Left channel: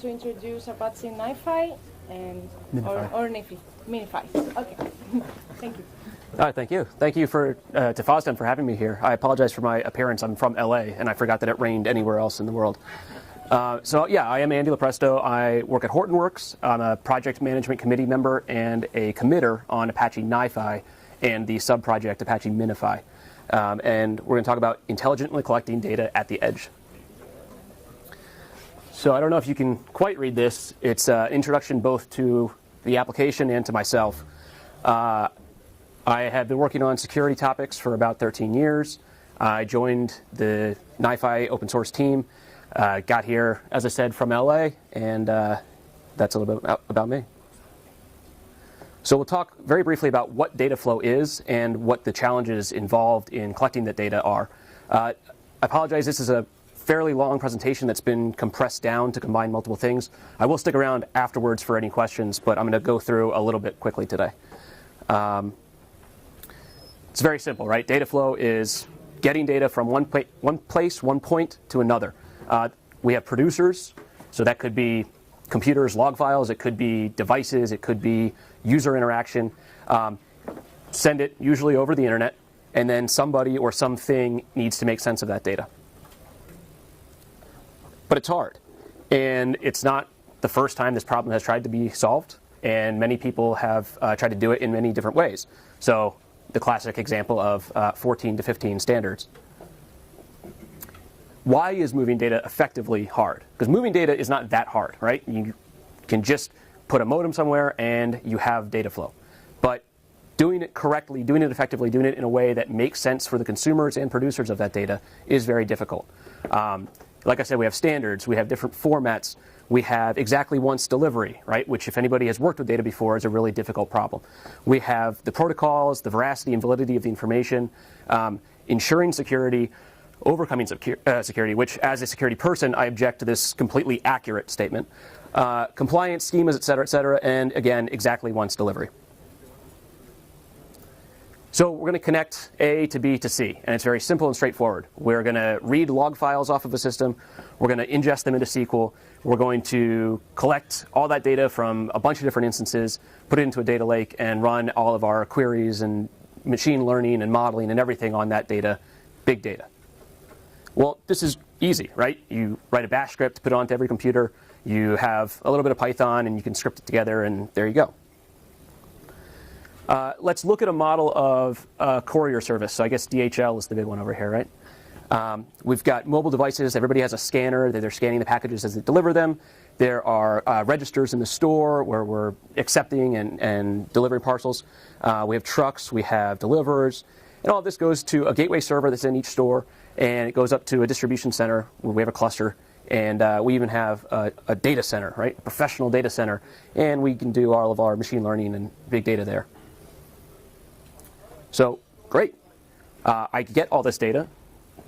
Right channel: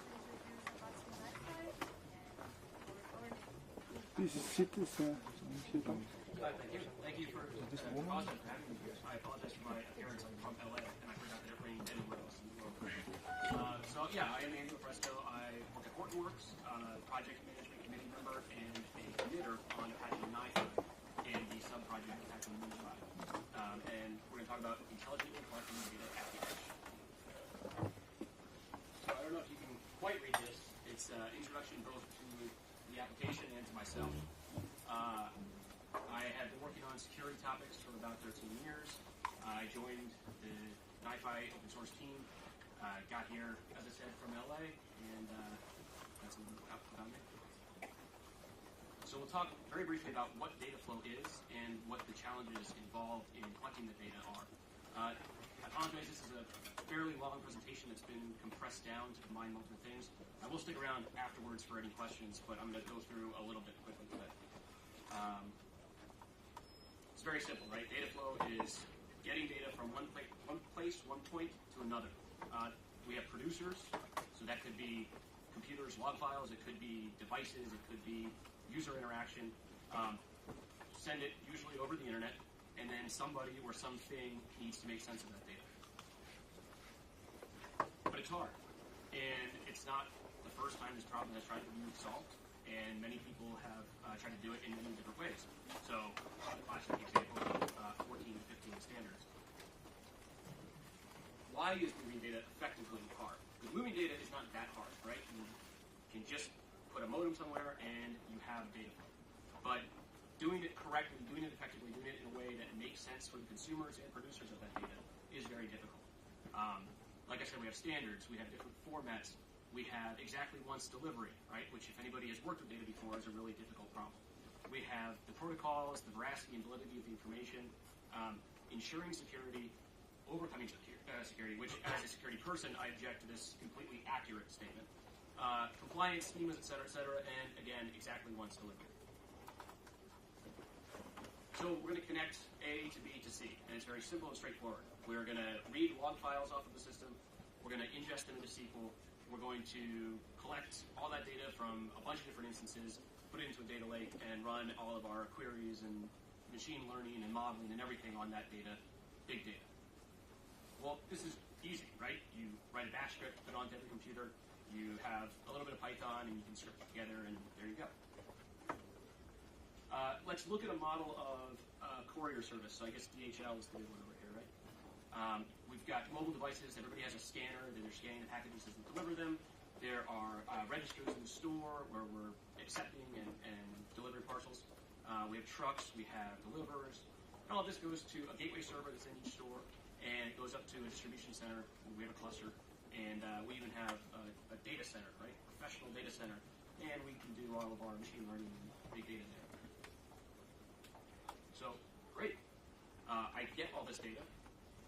To introduce Apache NiFi and or NiFi. Minify. Okay. Thank you. All right, thank you. Thank you to FOSDEM for having me here. I apologize for my appearance. I'm from LA, and I forgot that it rained anywhere else in the world. So yeah, I am Andy Lopresto. I work at Hortonworks. I'm a project management committee member and a committer on Apache NiFi and the sub-project Apache Minify. And we're going to talk about intelligently collecting data at the edge. So I don't know if you can quite read this. It's an introduction both to the application and to myself. I have been working on security topics for about 13 years. I joined the NiFi open source team, got here, as I said, from LA, and that's a little bit about me. So we'll talk very briefly about what data flow is and what the challenges involved in collecting that data are. I apologize, this is a fairly long presentation that's been compressed down to combine multiple things. I will stick around afterwards for any questions, but I'm going to go through a little bit quickly today. It's very simple, right? Data flow is getting data from one point to another. We have producers, so that could be computers, log files, it could be devices, it could be user interaction. Send it usually over the internet, and then somebody or something needs to make sense of that data. But it's hard, and it's not the first time this problem has tried to be solved, and many people have tried to do it in many different ways. So the classic example of 14 to 15 standards. Why is moving data effectively hard? Because moving data is not that hard, right? You can just put a modem somewhere and you have data flow. But doing it correctly, doing it effectively, doing it in a way that makes sense for the consumers and producers of that data is very difficult. Like I said, we have standards, we have different formats, we have exactly once delivery, right? Which, if anybody has worked with data before, is a really difficult problem. We have the protocols, the veracity and validity of the information, ensuring security, overcoming security, which, as a security person, I object to this completely accurate statement. Compliance schemas, et cetera, and again, exactly once delivery. So we're going to connect A to B to C, and it's very simple and straightforward. We're going to read log files off of a system. We're going to ingest them into SQL. We're going to collect all that data from a bunch of different instances, put it into a data lake, and run all of our queries and machine learning and modeling and everything on that data, big data. Well, this is easy, right? You write a bash script, put it onto every computer. You have a little bit of Python, and you can script it together, and there you go. Let's look at a model of a courier service. So I guess DHL is the big one over here, right? We've got mobile devices. Everybody has a scanner. They're scanning the packages as they deliver them. There are registers in the store where we're accepting and delivering parcels. We have trucks. We have deliverers. And all this goes to a gateway server that's in each store. And it goes up to a distribution center where we have a cluster. And we even have a data center, right? A professional data center. And we can do all of our machine learning and big data there. So, great. I get all this data.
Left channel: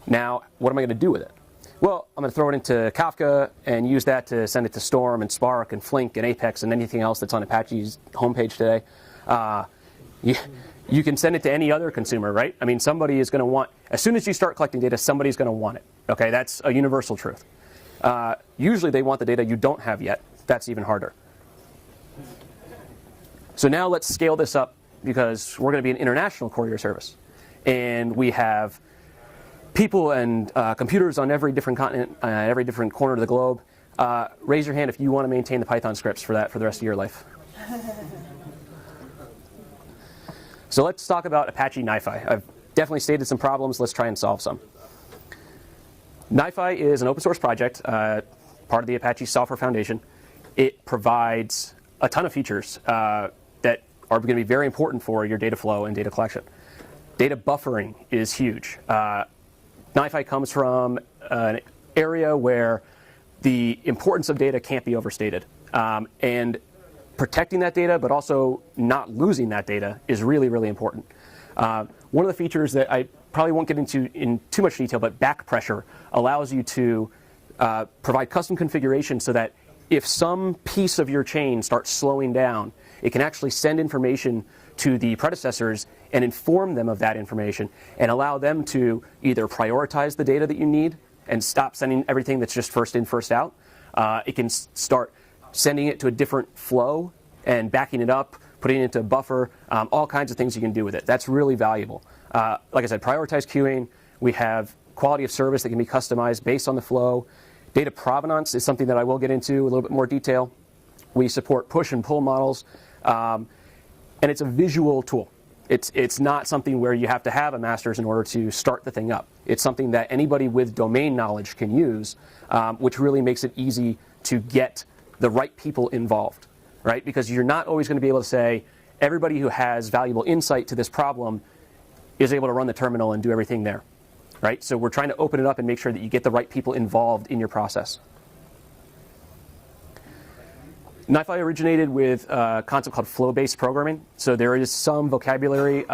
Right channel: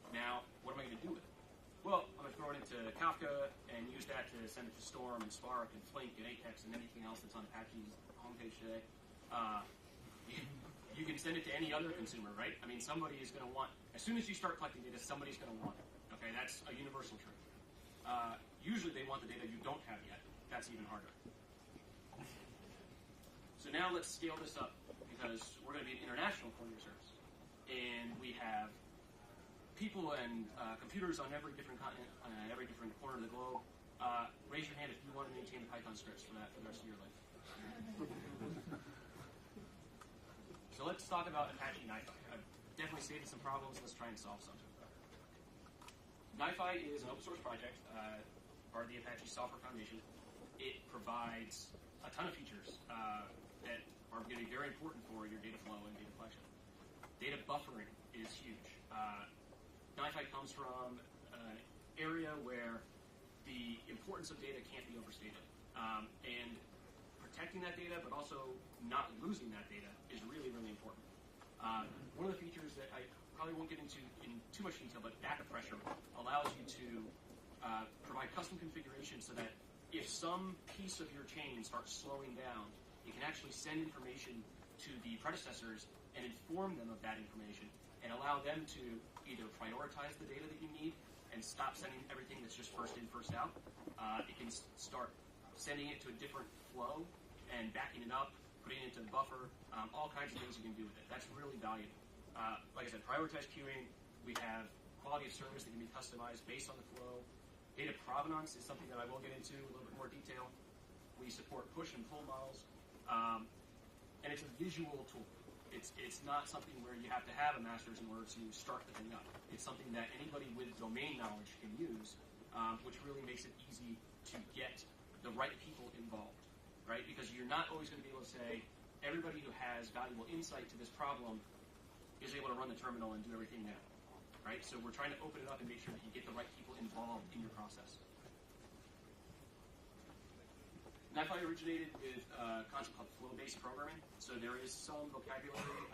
Now, what am I going to do with it? Well, I'm going to throw it into Kafka and use that to send it to Storm and Spark and Flink and Apex and anything else that's on Apache's homepage today. You can send it to any other consumer, right? I mean, somebody is going to want, as soon as you start collecting data, somebody's going to want it. Okay, that's a universal truth. Usually they want the data you don't have yet. That's even harder. So now let's scale this up, because we're going to be an international courier service. And we have people and computers on every different continent, every different corner of the globe. Raise your hand if you want to maintain the Python scripts for that for the rest of your life. So let's talk about Apache NiFi. I've definitely stated some problems. Let's try and solve some. NiFi is an open source project, part of the Apache Software Foundation. It provides a ton of features that are going to be very important for your data flow and data collection. Data buffering is huge. NiFi comes from an area where the importance of data can't be overstated. And protecting that data, but also not losing that data, is really, really important. One of the features that I probably won't get into in too much detail, but back pressure allows you to provide custom configuration so that if some piece of your chain starts slowing down, it can actually send information to the predecessors and inform them of that information and allow them to either prioritize the data that you need and stop sending everything that's just first in, first out. It can start sending it to a different flow and backing it up, putting it into a buffer, all kinds of things you can do with it. That's really valuable. Like I said, prioritized queuing. We have quality of service that can be customized based on the flow. Data provenance is something that I will get into a little bit more detail. We support push and pull models, and it's a visual tool. It's not something where you have to have a master's in order to start the thing up. It's something that anybody with domain knowledge can use, which really makes it easy to get the right people involved, right? Because you're not always going to be able to say, everybody who has valuable insight to this problem is able to run the terminal and do everything there, right? So we're trying to open it up and make sure that you get the right people involved in your process. NiFi originated with a concept called flow-based programming. So there is some vocabulary,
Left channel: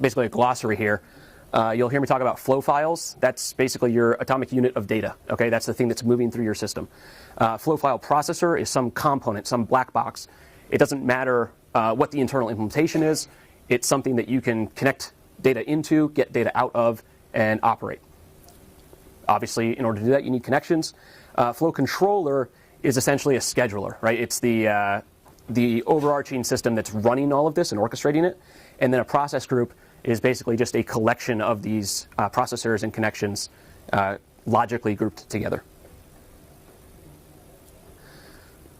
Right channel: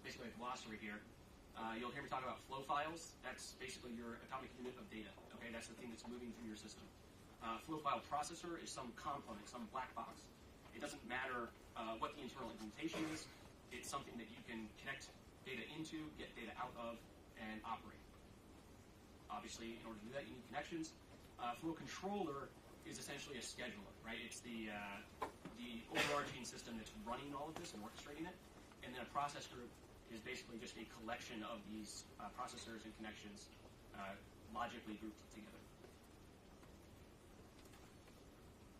basically a glossary here. You'll hear me talk about flow files. That's basically your atomic unit of data. Okay, that's the thing that's moving through your system. Flow file processor is some component, some black box. It doesn't matter what the internal implementation is. It's something that you can connect data into, get data out of, and operate. Obviously, in order to do that, you need connections. Flow controller is essentially a scheduler, right? It's the overarching system that's running all of this and orchestrating it. And then a process group is basically just a collection of these processors and connections logically grouped together.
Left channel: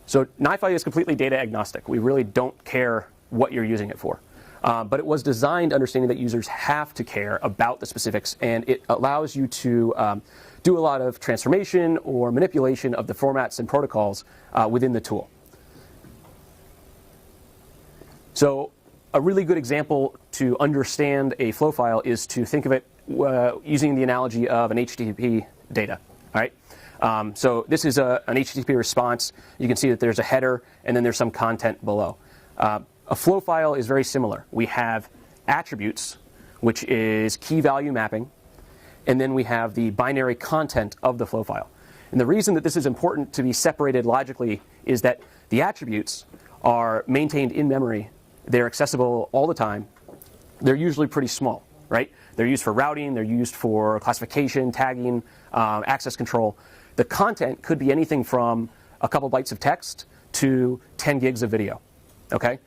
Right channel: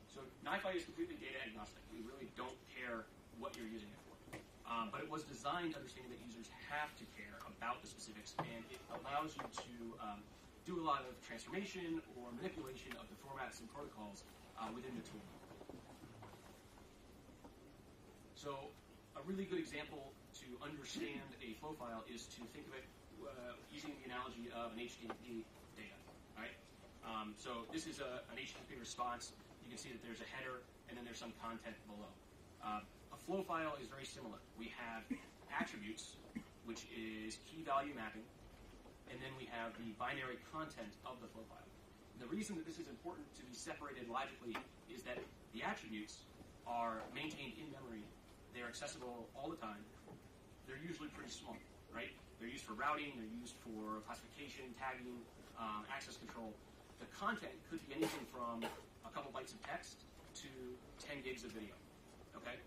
So NiFi is completely data agnostic. We really don't care what you're using it for. But it was designed understanding that users have to care about the specifics, and it allows you to do a lot of transformation or manipulation of the formats and protocols within the tool. So a really good example to understand a flow file is to think of it using the analogy of an HTTP data. All right? So this is an HTTP response. You can see that there's a header, and then there's some content below. A flow file is very similar. We have attributes, which is key value mapping, and then we have the binary content of the flow file. And the reason that this is important to be separated logically is that the attributes are maintained in memory. They're accessible all the time. They're usually pretty small, right? They're used for routing. They're used for classification, tagging, access control. The content could be anything from a couple bytes of text to 10 gigs of video, okay?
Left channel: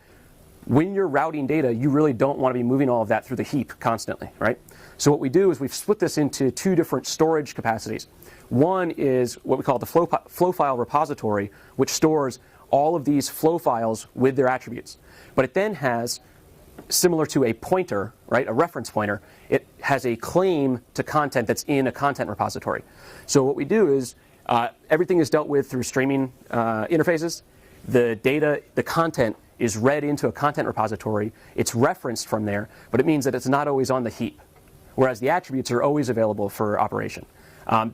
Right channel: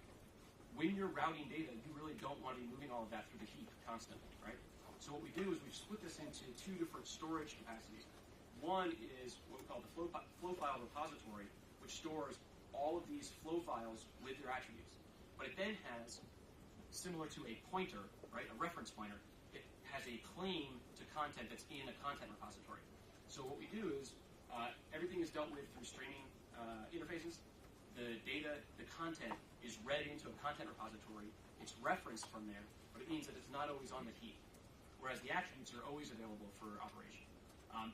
When you're routing data, you really don't want to be moving all of that through the heap constantly, right? So what we do is we've split this into two different storage capacities. One is what we call the flow file repository, which stores all of these flow files with their attributes. But it then has, similar to a pointer, right, a reference pointer, it has a claim to content that's in a content repository. So what we do is everything is dealt with through streaming interfaces. The data, the content is read into a content repository. It's referenced from there, but it means that it's not always on the heap, whereas the attributes are always available for operation.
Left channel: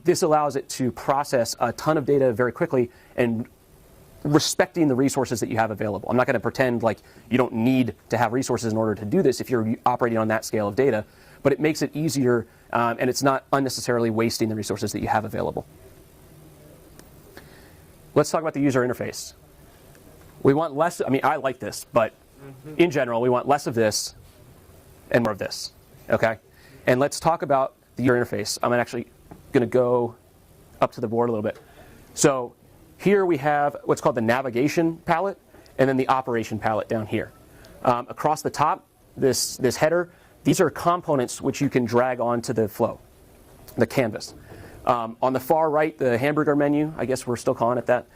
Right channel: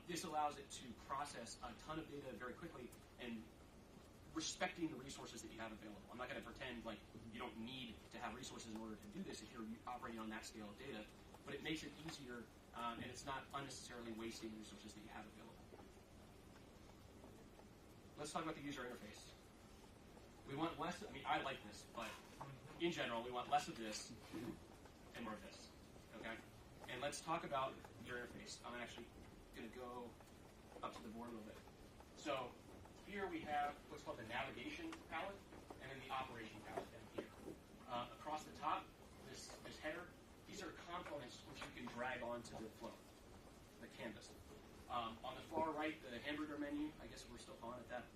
This allows it to process a ton of data very quickly and respecting the resources that you have available. I'm not going to pretend like you don't need to have resources in order to do this if you're operating on that scale of data, but it makes it easier and it's not unnecessarily wasting the resources that you have available. Let's talk about the user interface. We want less, I mean, I like this, but in general, we want less of this and more of this, okay? And let's talk about the user interface. I'm actually going to go up to the board a little bit. So here we have what's called the navigation palette, and then the operation palette down here. Across the top, this header, these are components which you can drag onto the flow, the canvas. On the far right, the hamburger menu, I guess we're still calling it that,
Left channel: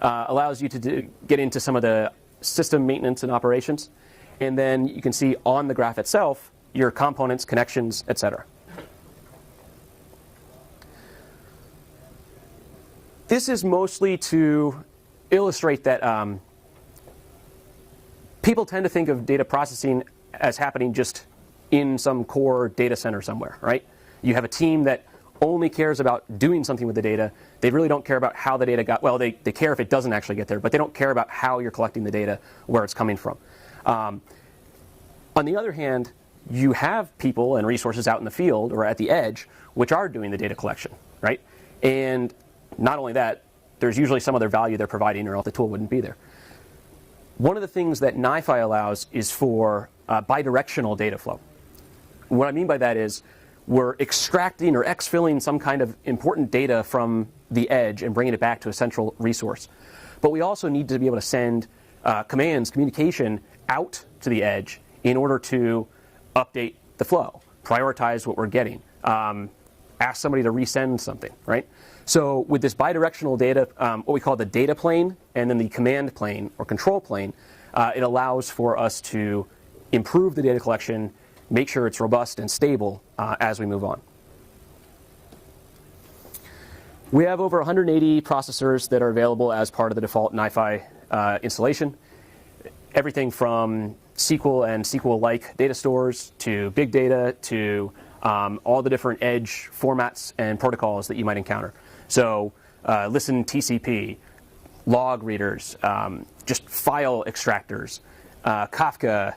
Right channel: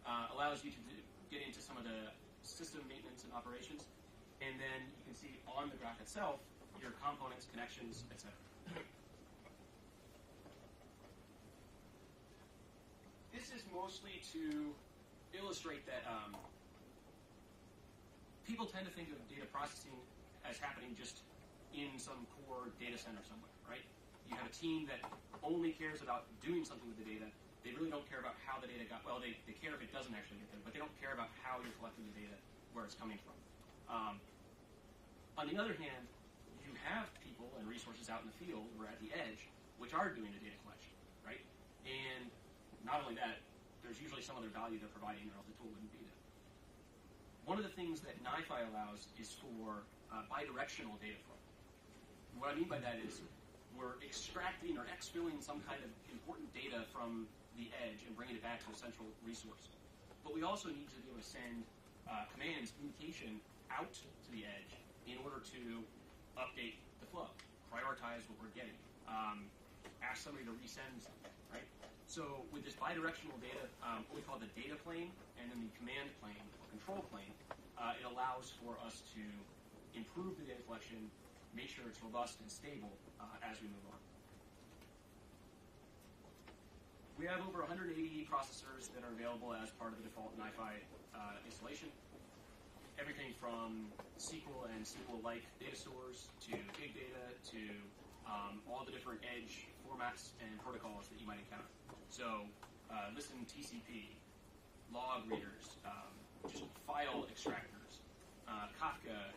allows you to get into some of the system maintenance and operations. And then you can see on the graph itself your components, connections, etc. This is mostly to illustrate that people tend to think of data processing as happening just in some core data center somewhere, right? You have a team that only cares about doing something with the data. They really don't care about how the data got, well, they care if it doesn't actually get there, but they don't care about how you're collecting the data, where it's coming from. On the other hand, you have people and resources out in the field or at the edge which are doing the data collection, right? And not only that, there's usually some other value they're providing or else the tool wouldn't be there. One of the things that NiFi allows is for bidirectional data flow. What I mean by that is we're extracting or exfilling some kind of important data from the edge and bringing it back to a central resource. But we also need to be able to send commands, communication out to the edge in order to update the flow, prioritize what we're getting, ask somebody to resend something, right? So with this bidirectional data, what we call the data plane and then the command plane or control plane, it allows for us to improve the data collection, make sure it's robust and stable as we move on. We have over 180 processors that are available as part of the default NiFi installation. Everything from SQL and SQL-like data stores to big data to all the different edge formats and protocols that you might encounter. So listen TCP, log readers, just file extractors, Kafka,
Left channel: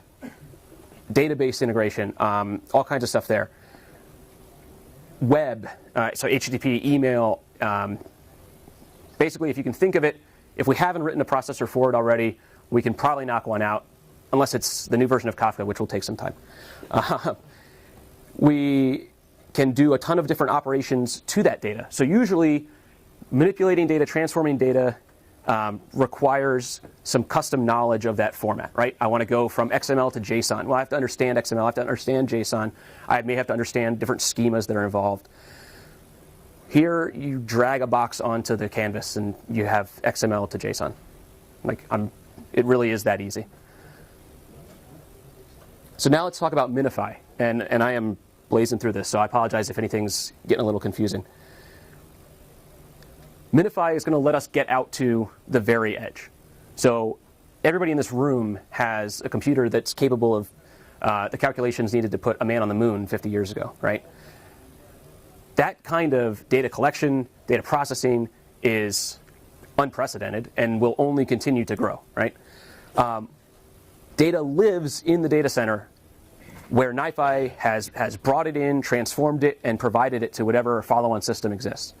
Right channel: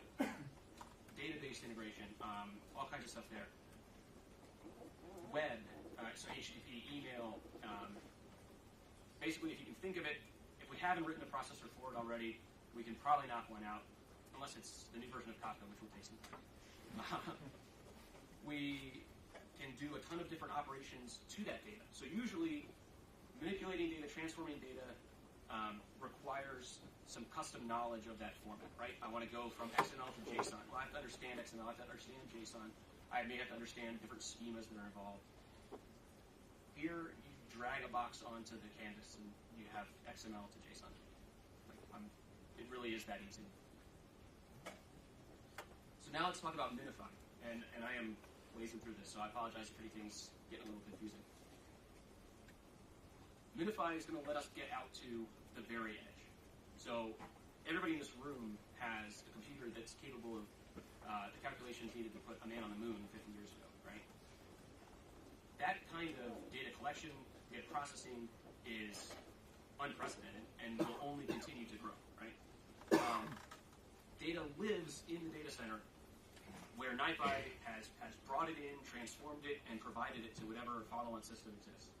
database integration, all kinds of stuff there. Web, so HTTP, email. Basically, if you can think of it, if we haven't written a processor for it already, we can probably knock one out, unless it's the new version of Kafka, which will take some time. We can do a ton of different operations to that data. So usually, manipulating data, transforming data requires some custom knowledge of that format, right? I want to go from XML to JSON. Well, I have to understand XML, I have to understand JSON. I may have to understand different schemas that are involved. Here, you drag a box onto the canvas and you have XML to JSON. It really is that easy. So now let's talk about Minify. And I am blazing through this, so I apologize if anything's getting a little confusing. Minify is going to let us get out to the very edge. So everybody in this room has a computer that's capable of the calculations needed to put a man on the moon 50 years ago, right? That kind of data collection, data processing is unprecedented and will only continue to grow, right? Data lives in the data center where NiFi has brought it in, transformed it, and provided it to whatever follow-on system exists.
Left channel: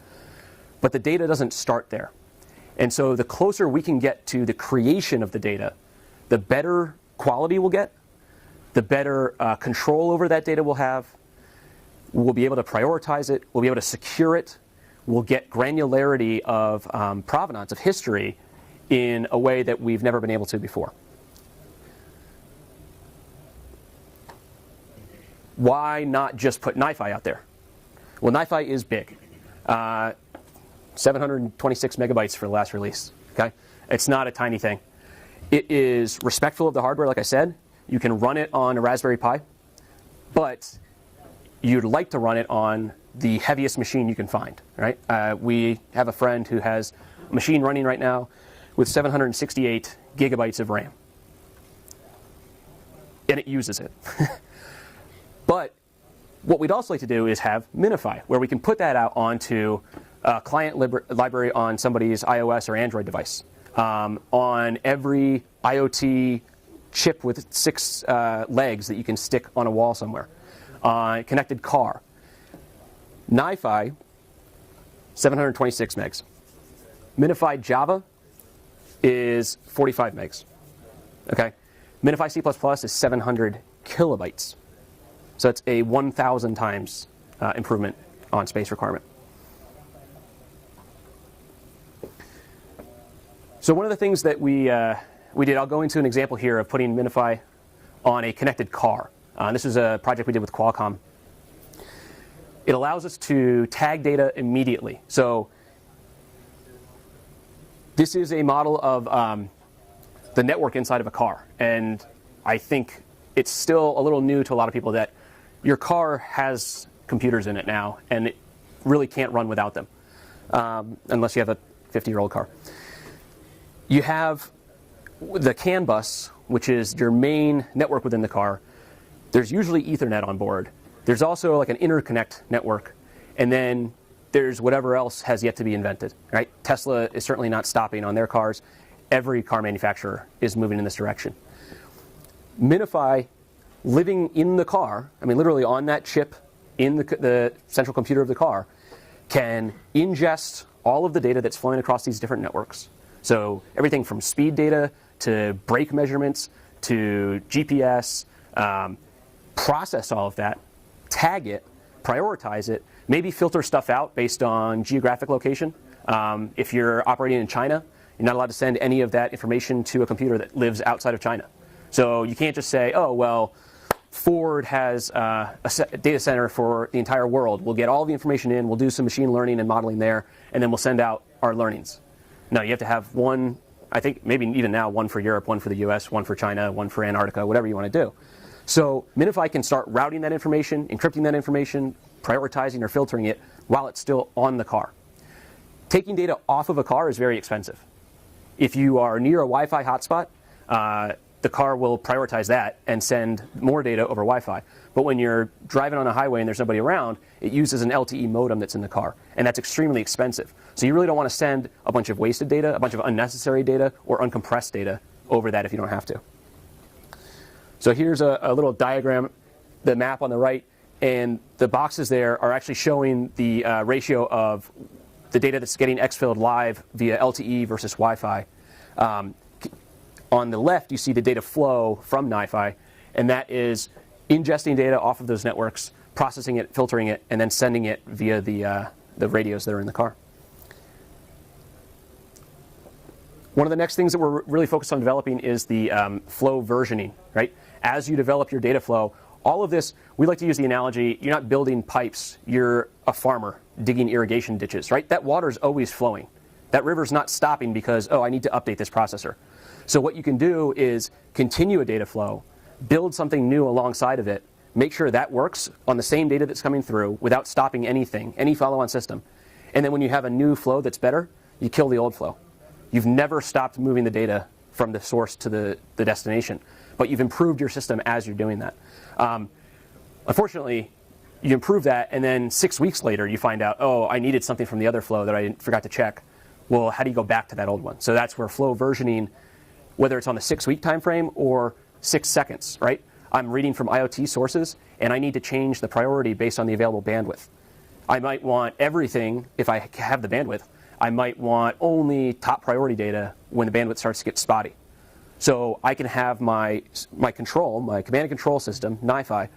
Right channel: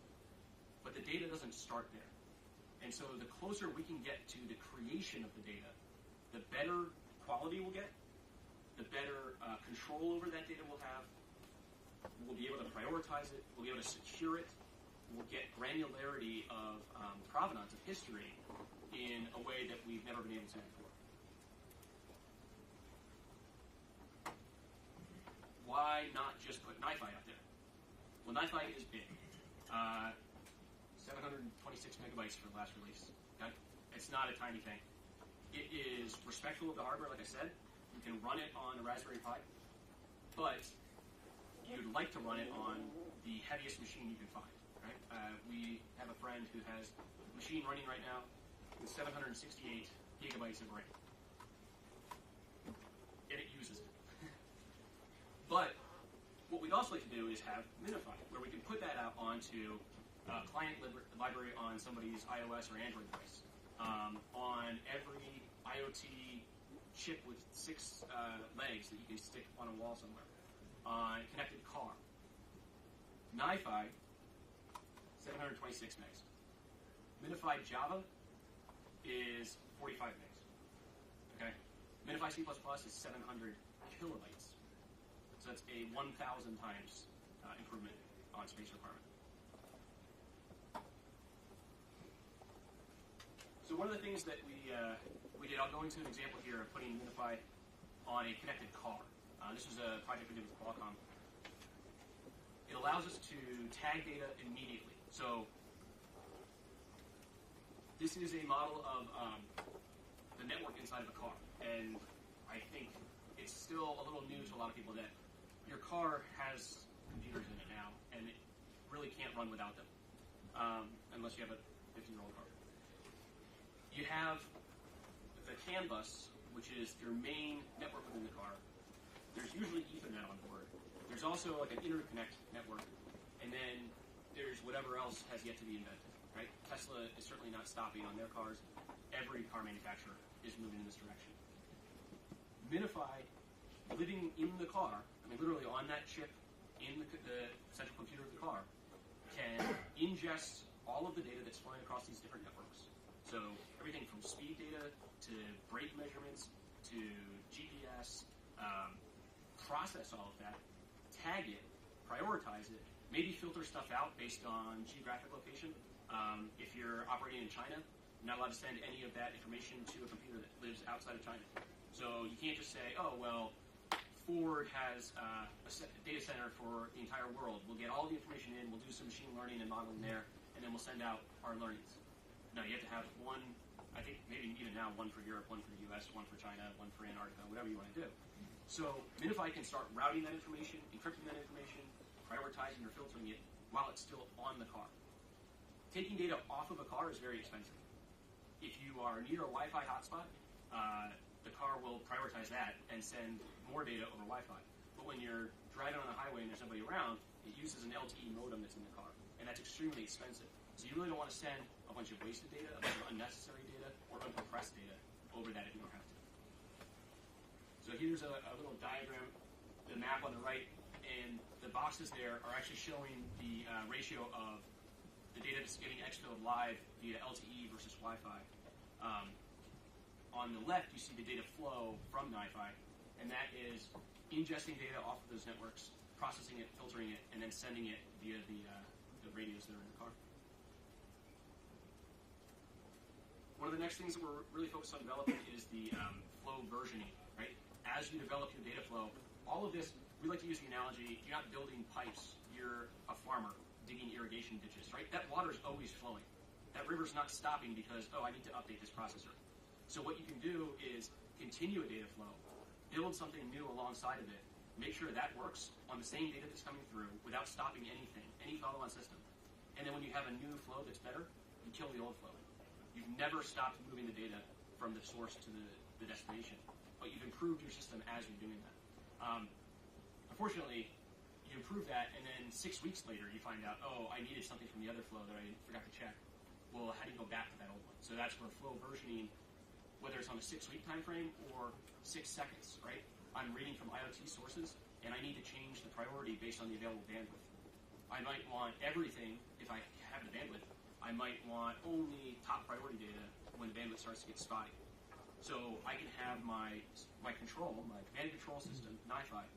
But the data doesn't start there. And so the closer we can get to the creation of the data, the better quality we'll get, the better control over that data we'll have. We'll be able to prioritize it. We'll be able to secure it. We'll get granularity of provenance, of history, in a way that we've never been able to before. Why not just put NiFi out there? Well, NiFi is big. 726 megabytes for the last release. Okay? It's not a tiny thing. It is respectful of the hardware, like I said. You can run it on a Raspberry Pi, but you'd like to run it on the heaviest machine you can find, right? We have a friend who has a machine running right now with 768 gigabytes of RAM. And it uses it. But what we'd also like to do is have Minify, where we can put that out onto a client library on somebody's iOS or Android device, on every IoT chip with 6 legs that you can stick on a wall somewhere, on a connected car. NiFi, 726 megs. Minify Java is 45 megs. Okay? Minify C++ is 700 kilobytes. So it's a 1,000 times improvement on space requirement. So one of the things that we did, I'll go into an example here of putting Minify on a connected car. This is a project we did with Qualcomm. It allows us to tag data immediately. So this is a model of the network inside of a car. And I think it's still a little new to a lot of people that your car has computers in it now, and it really can't run without them, unless you have a 50-year-old car. You have the CAN bus, which is your main network within the car. There's usually Ethernet on board. There's also like an interconnect network, and then there's whatever else has yet to be invented, right? Tesla is certainly not stopping on their cars. Every car manufacturer is moving in this direction. Minify, living in the car, I mean literally on that chip in the central computer of the car, can ingest all of the data that's flowing across these different networks. So everything from speed data to brake measurements to GPS, process all of that, tag it, prioritize it, maybe filter stuff out based on geographic location. If you're operating in China, you're not allowed to send any of that information to a computer that lives outside of China. So you can't just say, oh, well, Ford has a data center for the entire world. We'll get all the information in, we'll do some machine learning and modeling there, and then we'll send out our learnings. No, you have to have one, I think maybe even now, one for Europe, one for the US, one for China, one for Antarctica, whatever you want to do. So Minify can start routing that information, encrypting that information, prioritizing or filtering it while it's still on the car. Taking data off of a car is very expensive. If you are near a Wi-Fi hotspot, the car will prioritize that and send more data over Wi-Fi. But when you're driving on a highway and there's nobody around, it uses an LTE modem that's in the car, and that's extremely expensive. So you really don't want to send a bunch of wasted data, a bunch of unnecessary data, or uncompressed data over that if you don't have to. So here's a little diagram, the map on the right, and the boxes there are actually showing the ratio of the data that's getting exfilled live via LTE versus Wi-Fi. On the left, you see the data flow from NiFi, and that is ingesting data off of those networks, processing it, filtering it, and then sending it via the radios that are in the car. One of the next things that we're really focused on developing is the flow versioning, right? As you develop your data flow, all of this, we like to use the analogy, you're not building pipes, you're a farmer digging irrigation ditches, right? That water's always flowing. That river's not stopping because, oh, I need to update this processor. So what you can do is continue a data flow, build something new alongside of it, make sure that works on the same data that's coming through without stopping anything, any follow-on system. And then when you have a new flow that's better, you kill the old flow. You've never stopped moving the data from the source to the destination, but you've improved your system as you're doing that. Unfortunately, you improve that, and then 6 weeks later, you find out, oh, I needed something from the other flow that I forgot to check. Well, how do you go back to that old one? So that's where flow versioning, whether it's on the 6-week time frame or 6 seconds, right? I'm reading from IoT sources, and I need to change the priority based on the available bandwidth. I might want everything if I have the bandwidth. I might want only top priority data when the bandwidth starts to get spotty. So I can have my control, my command and control system, NiFi,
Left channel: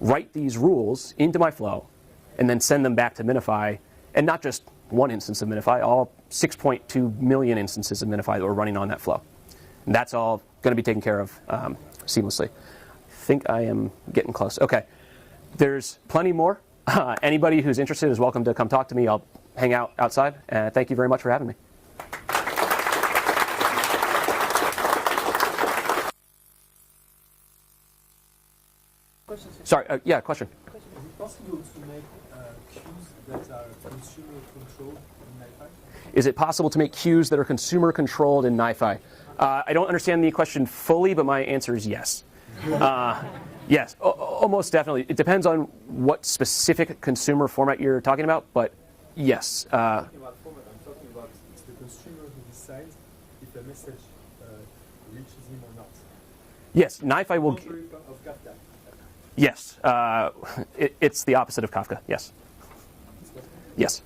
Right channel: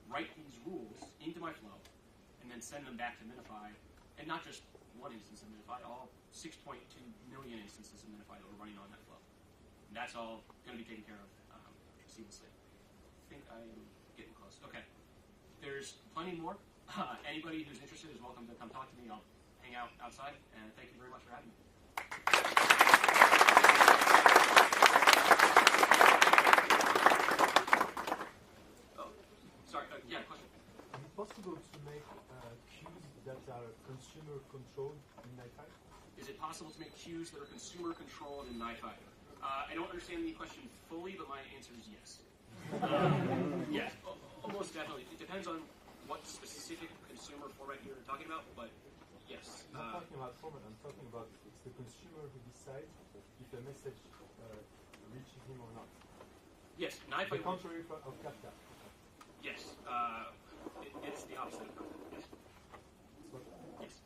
write these rules into my flow, and then send them back to Minify, and not just one instance of Minify, all 6.2 million instances of Minify that are running on that flow. And that's all going to be taken care of seamlessly. I think I am getting close. Okay, there's plenty more. Anybody who's interested is welcome to come talk to me. I'll hang out outside. Thank you very much for having me. Sorry, yeah, question. Is it possible to make queues that are consumer controlled in NiFi? Is it possible to make queues that are consumer controlled in NiFi? I don't understand the question fully, but my answer is yes. Yes, almost definitely. It depends on what specific consumer format you're talking about, but yes. I'm talking about format. I'm talking about it's the consumer who decides if a message reaches him or not. Yes, NiFi will. Contrary of Kafka. Yes, it's the opposite of Kafka. Yes. Yes.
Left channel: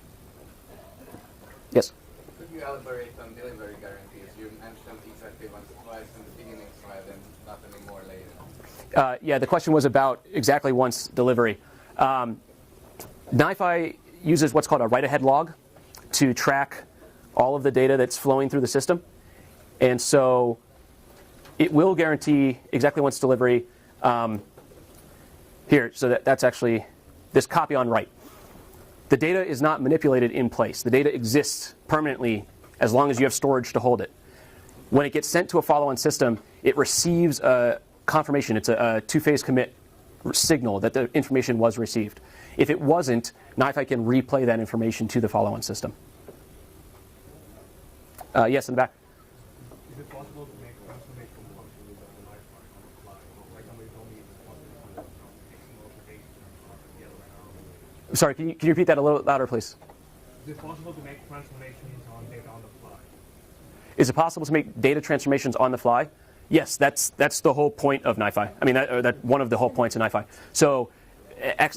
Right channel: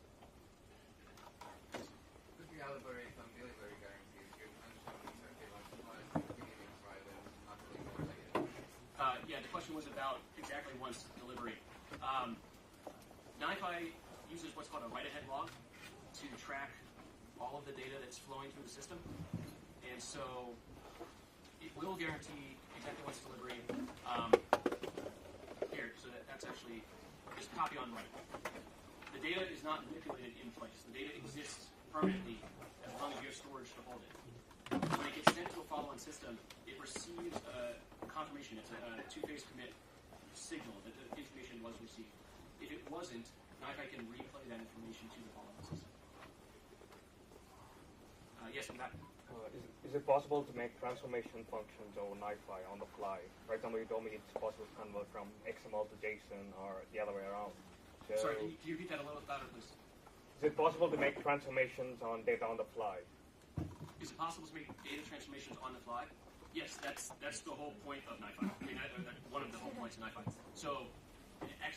Yes. Could you elaborate on delivery guarantees? You mentioned exactly once or twice in the beginning slide and not anymore later. Yeah, the question was about exactly once delivery. NiFi uses what's called a write-ahead log to track all of the data that's flowing through the system. And so it will guarantee exactly once delivery. Here, so that's actually this copy on write. The data is not manipulated in place. The data exists permanently as long as you have storage to hold it. When it gets sent to a follow-on system, it receives a confirmation. It's a two-phase commit signal that the information was received. If it wasn't, NiFi can replay that information to the follow-on system. Yes, in the back. Is it possible to make transformation functions on NiFi on the fly? For example, you told me it's possible to convert from XML to JSON or the other way around. So Sorry, can you repeat that a little louder, please? Is it possible to make transformations on data on the fly? Is it possible to make data transformations on the fly? Yes, that's the whole point of NiFi. I mean, that's one of the whole points of NiFi. So,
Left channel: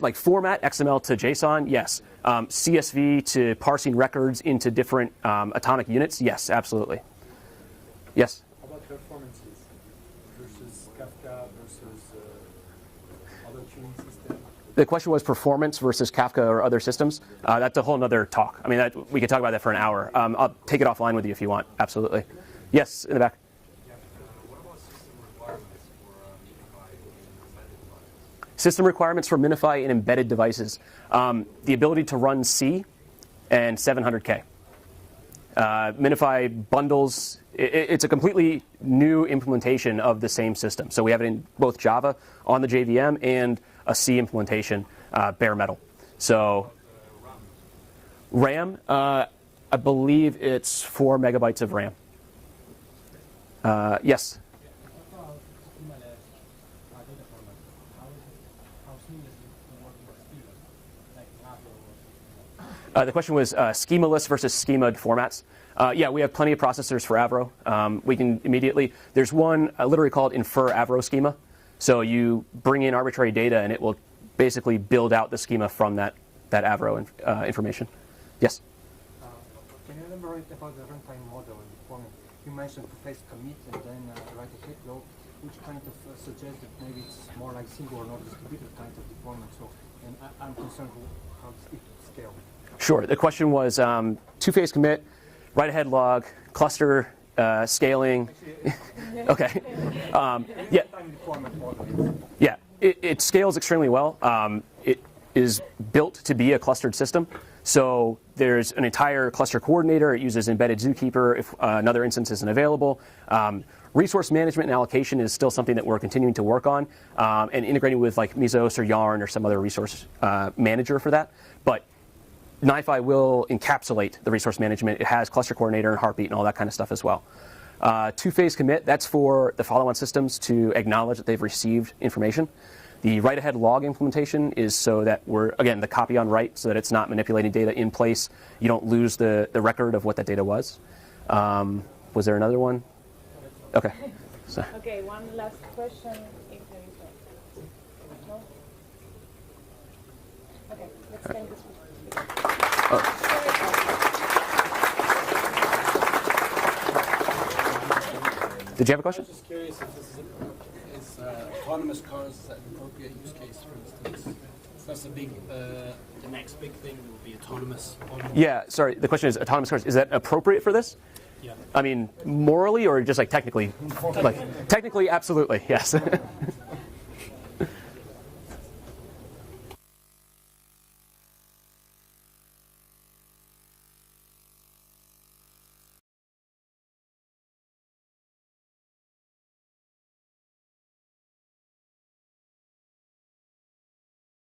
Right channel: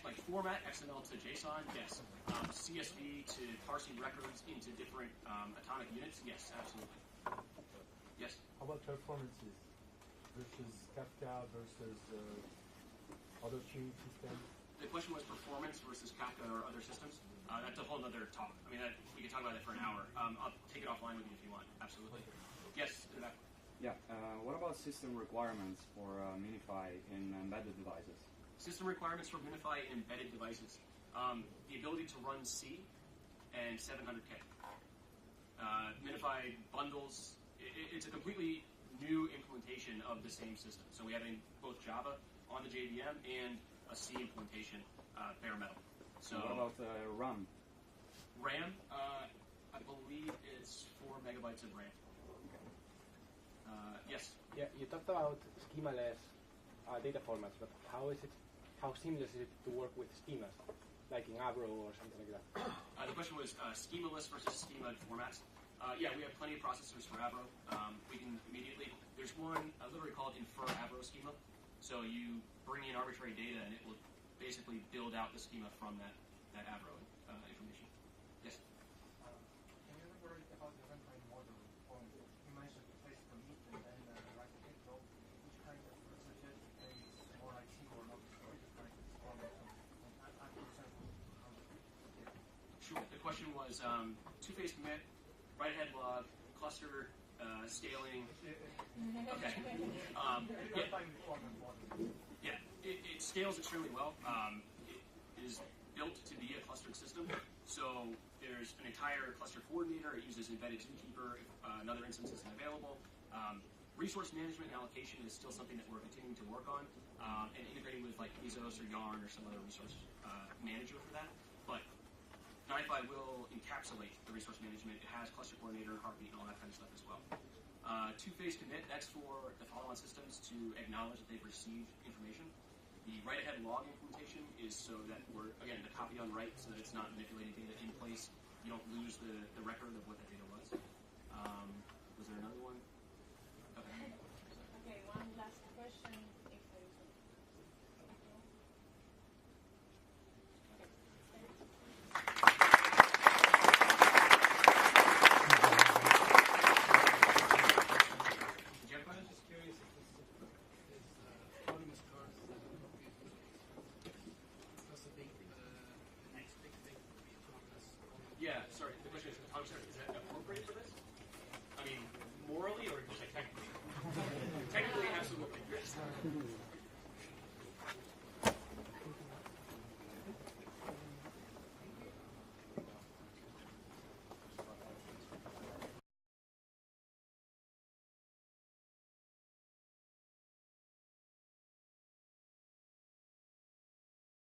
like format XML to JSON, yes. CSV to parsing records into different atomic units, yes, absolutely. Yes. How about performances versus Kafka versus The question was performance versus Kafka or other systems. That's a whole nother talk. I mean, we could talk about that for an hour. I'll take it offline with you if you want. Absolutely. Yes, in the back. Yeah. What about system requirements for MiFi in embedded devices? System requirements for MiFi in embedded devices. The ability to run C and 700K. MiFi bundles, it's a completely new implementation of the same system. So we have it in both Java on the JVM and a C implementation, bare metal. So RAM, I believe it's 4 megabytes of RAM. Yes? Yeah, you talked about schemaless data format, but how seamless is it to work with schemas, like in Avro or something like that? The question was schemaless versus schemaed formats. Yeah, we have plenty of processors for Avro. We can immediately, there's one literally called infer Avro schema. So you bring in arbitrary data and it will basically build out the schema from that Avro information. Yes? Can you elaborate about the runtime model and deployment? You mentioned two-phase commit and then write a head log, which kind of suggests that maybe it's more like single or not distributed kind of deployment. So, and I'm concerned with how it scale. Sure. The question was two-phase commit, write-ahead log, cluster scaling. Okay. Yeah. Yeah. It scales extremely well. It is built to be a clustered system. So there's an entire cluster coordinator. It uses embedded zookeeper if another instance isn't available. Resource management and allocation is still something that we're continuing to work on, and integrating with like Mesos or Yarn or some other resource manager for that. But NiFi will encapsulate the resource management. It has cluster coordinator and heartbeat and all that kind of stuff as well. Two-phase commit, that's for the follow-on systems to acknowledge that they've received information. The write-ahead log implementation is so that we're, again, the copy on write, so that it's not manipulating data in place. You don't lose the record of what that data was. Was there another one? Okay. So. Okay, one last question, if there is a... No? Okay, let's end this one. Did you have a question? I'm just curious if this is autonomous cars an appropriate use case, for instance. That's the next big thing will be autonomous. Yeah, sorry, the question is autonomous cars. Is that appropriate for this? Yeah. I mean, morally or just like technically? Like, technically, absolutely, yes.